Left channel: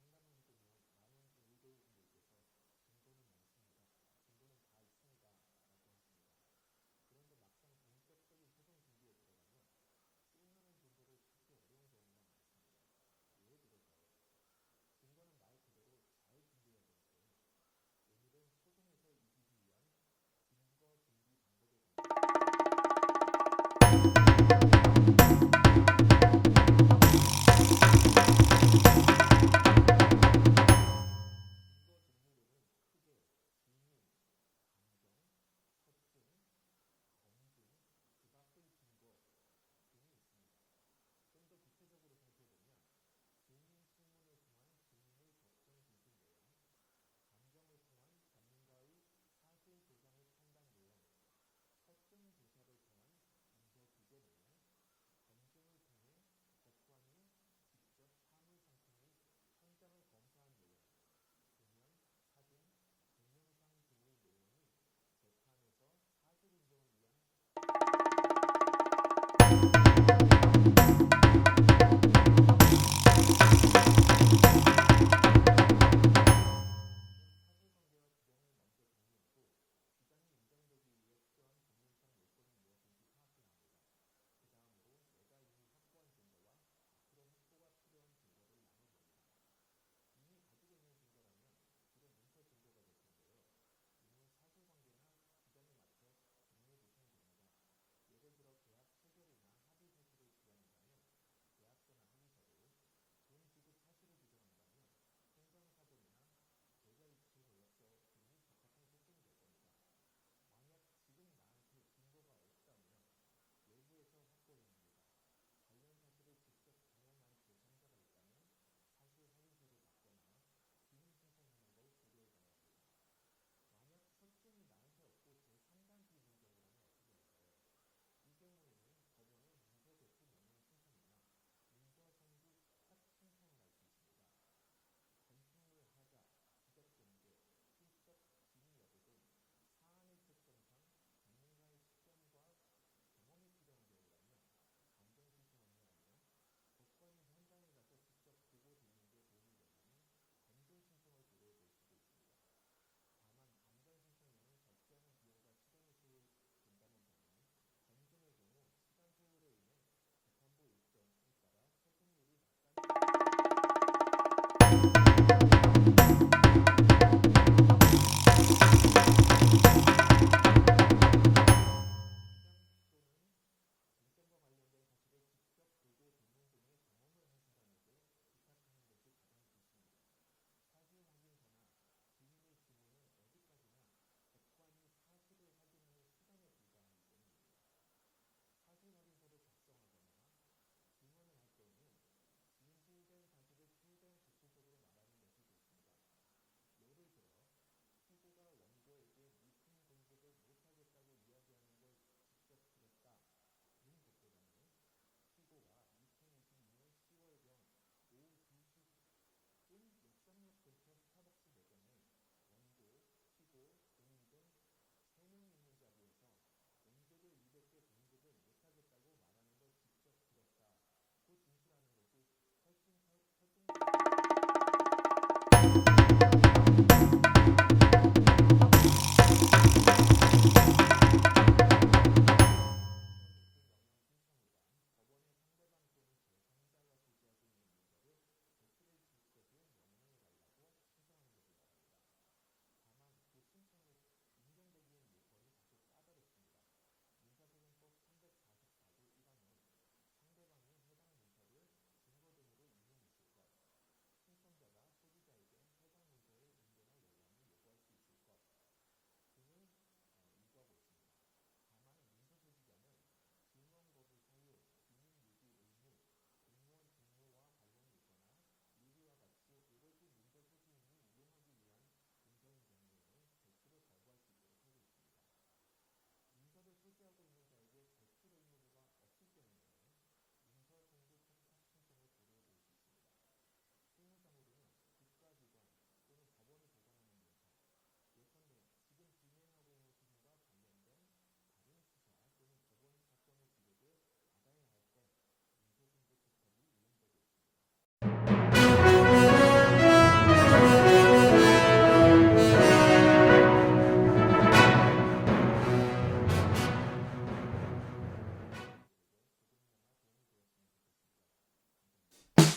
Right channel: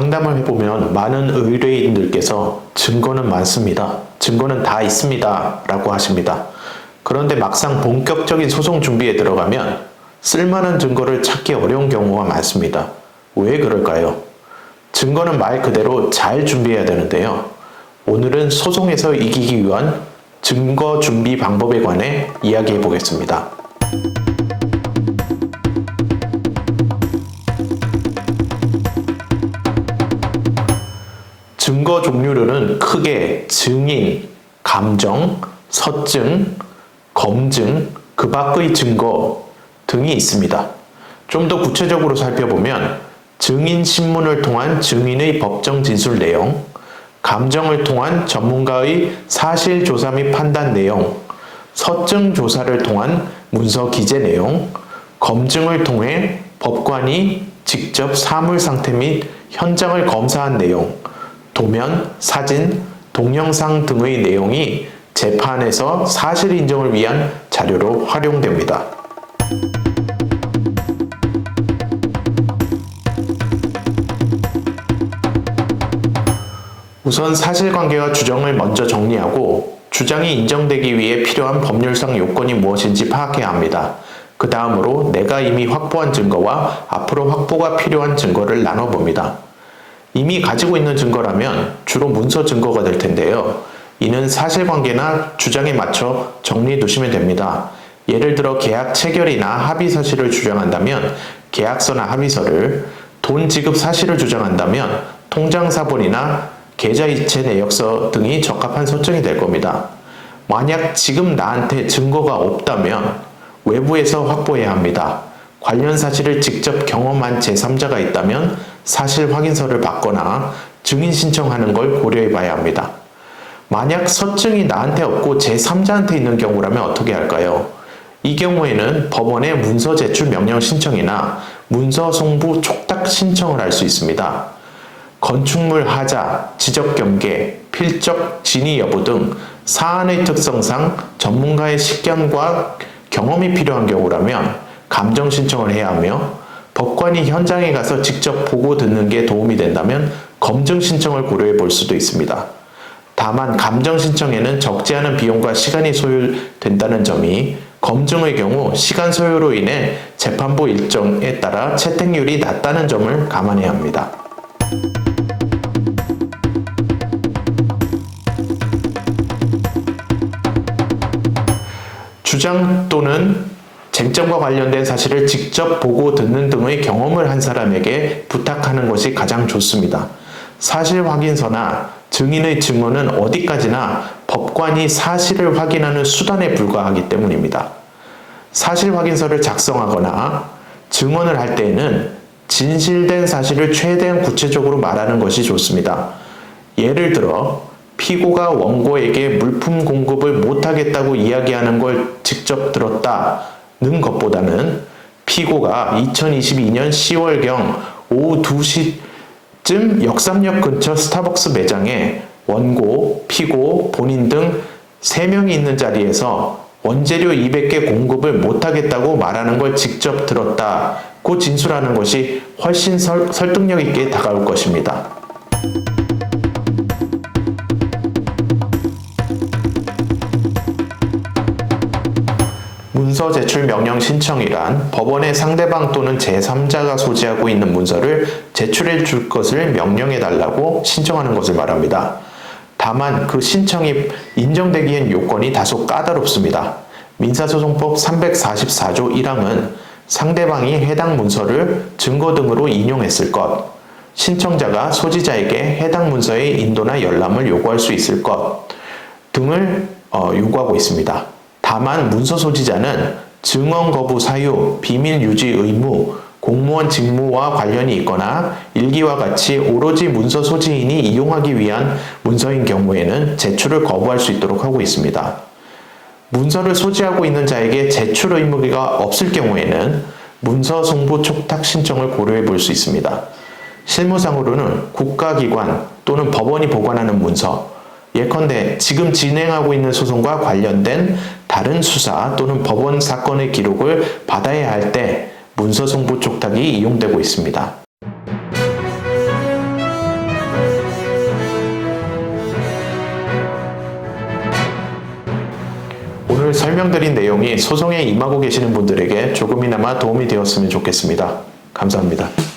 상담을 해보면 많은 의뢰인들께서 증거는 많습니다. 증거는 다 있습니다. 라고 하십니다. 그런데 막상 본격적인 소송 준비에 들어가면 쓸만한 증거를 찾기 어려운 경우가 많습니다. 왜 그럴까요? 증거는 말 그대로 잘 준비해야 되는데요. 오늘은 소송에서 이기기 위한 증거 준비 방법에 관해 이야기해 보겠습니다. 증거 종류로는 크게 증인, 감정, 서증, 검증, 그 밖의 증거 등이 있습니다. 좀 더 구체적으로 살펴보면 증인 신문을 통한 증인의 법정 진술 내용, 감정을 통한 전문가의 사실 조사 및 판단 내용, 서증 조사를 통한 문서 기재 내용, 검증을 통해 법관이 직접 사물 상태 및 현장을 검사한 내용, 도면, 사진, 동영상 등의 내용이 재판에서 사실 인정을 위한 자료로 활용됩니다. 우선 사실관계와 주장을 먼저 정리하고 주장이 인정되기 위해 필요한 법률상 요건이 무엇인지 파악해야 합니다. 그 다음으로 내가 이미 확보한 증거와 앞으로 확보가 필요한 증거를 나눠봅니다. 이미 가지고 있는 증거라면 주로 문서 증거가 될 텐데요. 이는 사실관계나 주장에 맞춰 정리해 두시면 됩니다. 예를 들어 계약 체결이나 합의 사실을 주장한다면 계약서나 합의서를, 돈 지급 사실을 주장한다면 통장사본이나 계좌이체 내역서 등이 적합한 서증이 될 겁니다. 만약 지금 나한테 증거가 없다면 외부에서 확보해야 합니다. 관련 사실을 직접 경험한 제3자가 있다면 사실 확인서를 받거나 증인 신청하는 걸 고려해 봐야 합니다. 만약 서증이 나한테 없고 제3자한테 있는 경우라면 어떻게 할까요? 이 경우에는 법원에 문서 제출 명령 신청이나 문서 송부 촉탁 신청을 할 수 있습니다. 건축물 하자, 지적 경계, 필적 진위 여부 등 사안의 특성상 전문가의 식견과 경험이 필요한 경우라면 감정 신청을 해야 하며, 법관이 현장에 가서 직접 보고 듣는 게 도움이 된다면 검증 신청을 고려해 볼 수도 있습니다. 다만 감정 신청에는 적지 않은 비용과 시간이 소요된다는 점이 검증의 경우 시간 소요로 인해 재판부 일정에 따라 채택률이 낮다는 점을 감안해야 합니다. 주장 또는 쟁점과 관련된 사실을 직접 보고 듣는 등의 경험을 한 사람에게 부탁하는 것이 가장 좋습니다. 사실 확인서나 증인의 증언은 어디까지나 법관이 사실을 확인하는 수단에 불과하기 때문입니다. 사실 확인서를 작성하거나 증언을 할 때에는 진실된 사실을 최대한 구체적으로 말하는 것이 좋습니다. 예를 들어 피고가 원고에게 물품 공급을 못하겠다고 이야기하는 걸 직접 들었다는 것보다는 피고가 2022년 10월경 오후 2시쯤 역삼역 근처 스타벅스 매장에 원고, 피고, 본인 등 3명이 있는 자리에서 원재료 200개 공급을 못하겠다고 말하는 걸 직접 들었다고 진술하는 것이 훨씬 설득력 있게 다가올 것입니다. 문서 제출 명령 신청이란 법원에 상대방 또는 제3자가 소지하고 있는 문서를 제출해 줄 것을 명령해 달라고 신청하는 것을 말합니다. 다만 그 신청이 인정되기엔 요건이 다소 까다롭습니다. 민사소송법 344조 1항은 상대방이 해당 문서를 증거 등으로 인용했을 것, 신청자가 소지자에게 해당 문서의 인도나 열람을 요구할 수 있을 것 등을 요구하고 있습니다. 다만 문서 소지자는 증언 거부 사유, 비밀 유지 의무, 공무원 직무와 관련이 있거나 일기와 같이 오로지 문서 소지인이 이용하기 위한 문서인 경우에는 제출을 거부할 수 있도록 하고 있습니다. 문서를 소지하고 있는 자에게 제출 의무가 없을 경우에는 문서 송부 촉탁 신청을 고려해 볼 수 있습니다. 실무상으로는 국가기관 또는 법원이 보관하는 문서, 예컨대 지금 진행하고 있는 소송과 관련된 다른 수사 또는 법원 사건의 기록을 받아야 할 때 문서 송부 촉탁이 이용되고 있습니다. 설명드린 내용이 소송에 임하고 계시는 분들에게 조금이나마 도움이 되었으면 좋겠습니다. 감사합니다.